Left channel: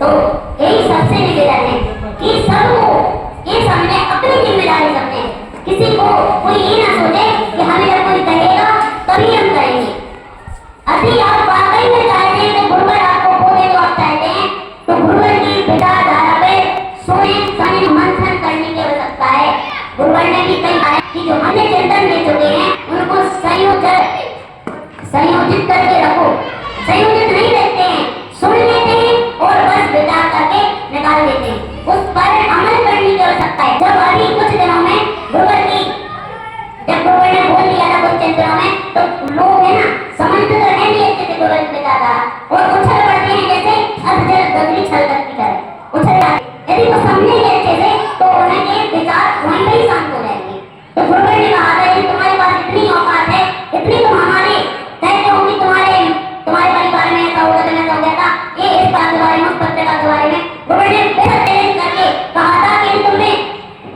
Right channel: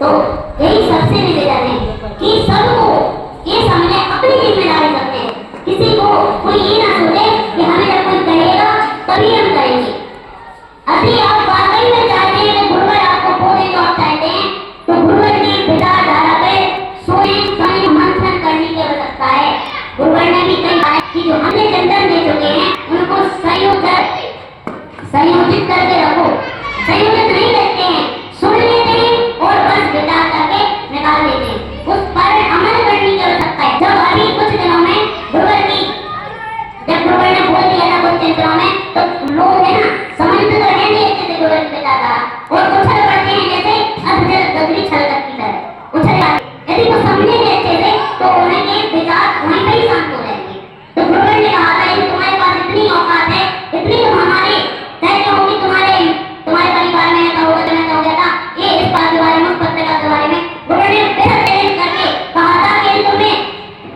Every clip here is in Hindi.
तो यही सबसे निवेदन है कि सबको ये समझे अपनी जिम्मेदारी समझे। किसी को कोई ये ना सोचे कि हमें जब कोई कहेगा तभी हम करेंगे। अभी आप वाकई में चाहते हैं कि गुरुवर आपको बोले तो आप चाहते हैं तो गुरुवर की विचारधारा पे सोने समझ मंथन करने की आवश्यकता है। गुरुवर ने भी कही है कि जो हमने चिंतन दे चुके हैं उनको संयोजित करके रखो। संयोजित नहीं रहते हैं, सुन लेते हैं और बस विचार करके निकाल देते हैं, उस पर अमल करने की आवश्यकता है। जब अभी कुछ दिनों में जब गुरुवर ने बोल दिया था कुछ दिनों में तो लोग है ना समझते तो है नहीं अच्छे से गुरुवर की विचारधारा और उछल पड़ते हैं जैसे अधजल गगरी छलकत की तरह उछल जाते। यदि वो समझेंगे अच्छे से तो उनके विचार वहीं पे ही शांत हो जाएंगे। तो गुरुवर ने कहा था कि तुम्हारे पास इतनी औकात है, इतनी तुम हमारे कहते होंगे तुम्हारे परिवार में ऐसा होगा तो ऐसा हो गया था, ये इस बात के बारे में उस पत्रिका के बारे में गुरुवर ने बेहद चैलेंज करके कहा था कि तुम्हें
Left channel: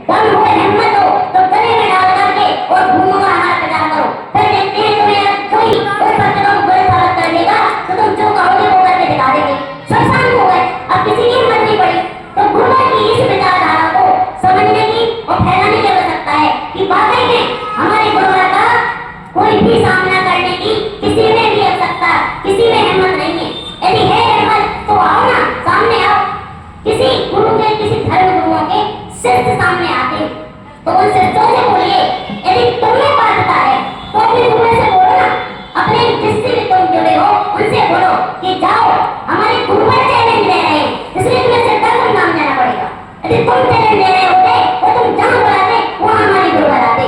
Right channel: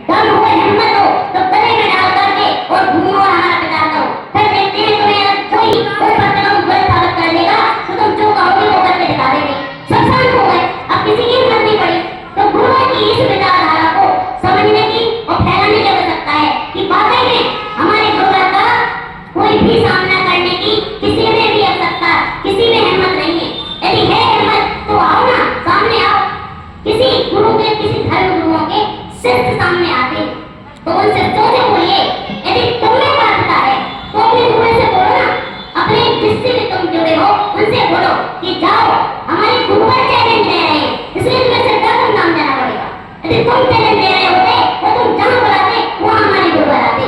दम हो हिम्मत हो तो गले में डाल करके और घूमो और हमारा प्रचार करो। फिर देखते हैं तुम्हें कोई पत्रिका को गलत साबित कर देगा तो तुम जो कहोगे वो करके दिखा देंगे। सब शांत हो गए, अब किसी की हिम्मत नहीं पड़ी। तो गुरुवर की इस विचारधारा को समझने की और फैलाने की आवश्यकता है कि वाकई में हमारे गुरुवर का कोई भी सामना करने की किसी में भी आवश्यकता, किसी में हिम्मत नहीं है। यदि है हिम्मत तो आओ ना, सामने आओ। किसी गुरु के, किसी धर्म गुरुओं के शिष्य सामने आते हैं तो उन शिष्यों से बोलिए, यदि तुम में पात्रता है तो अपने गुरु से बोलो ना, अपने जिससे भी तुम जुड़े हो उनसे बोलो कि जाओ हमारे गुरुवर चैलेंज ले रहे हैं, इसलिए तुम्हें सिद्धा को नाम देना पड़ेगा। यदि तुम चैलेंज ले रहे होते तो तुम जहाँ बुलाते वहाँ हमारे गुरुवर आते।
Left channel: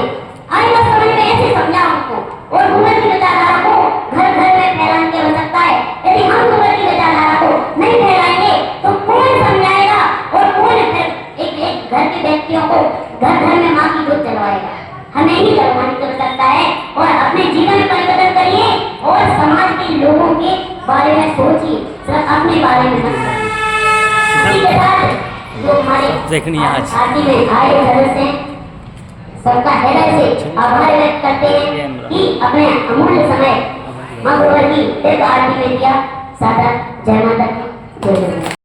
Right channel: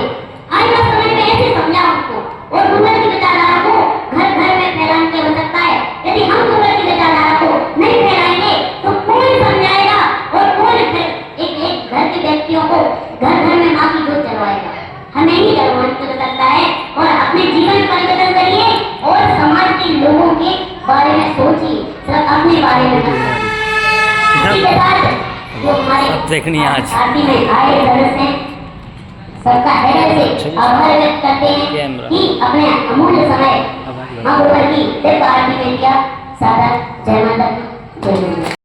आज बात समझ में ऐसे समझाओ उनको और गुरुवर की विचारधारा को घर घर में फैलाने की आवश्यकता है। यदि हम गुरुवर की विचारधारा को नहीं फैलाएंगे तो कौन समझाएगा और कौन फिर एक घर के व्यक्तियों को घर घर में माँ की दूध चलवाएगा। हमें ही जलवाने की आवश्यकता है और अपने जीवन में परिवर्तन करिए और समाज के लोगों के बारे में सोचिए, सिर्फ अपने बारे में नहीं। इसी के साथ जो हमारे आरती में आए सदस्य हैं सबका हृदय से आभार व्यक्त करते हैं कि अपने अमूल्य समय मां गुरुवर की सिर्फ आरती में दिया। सादर जय माता दी, जय माता।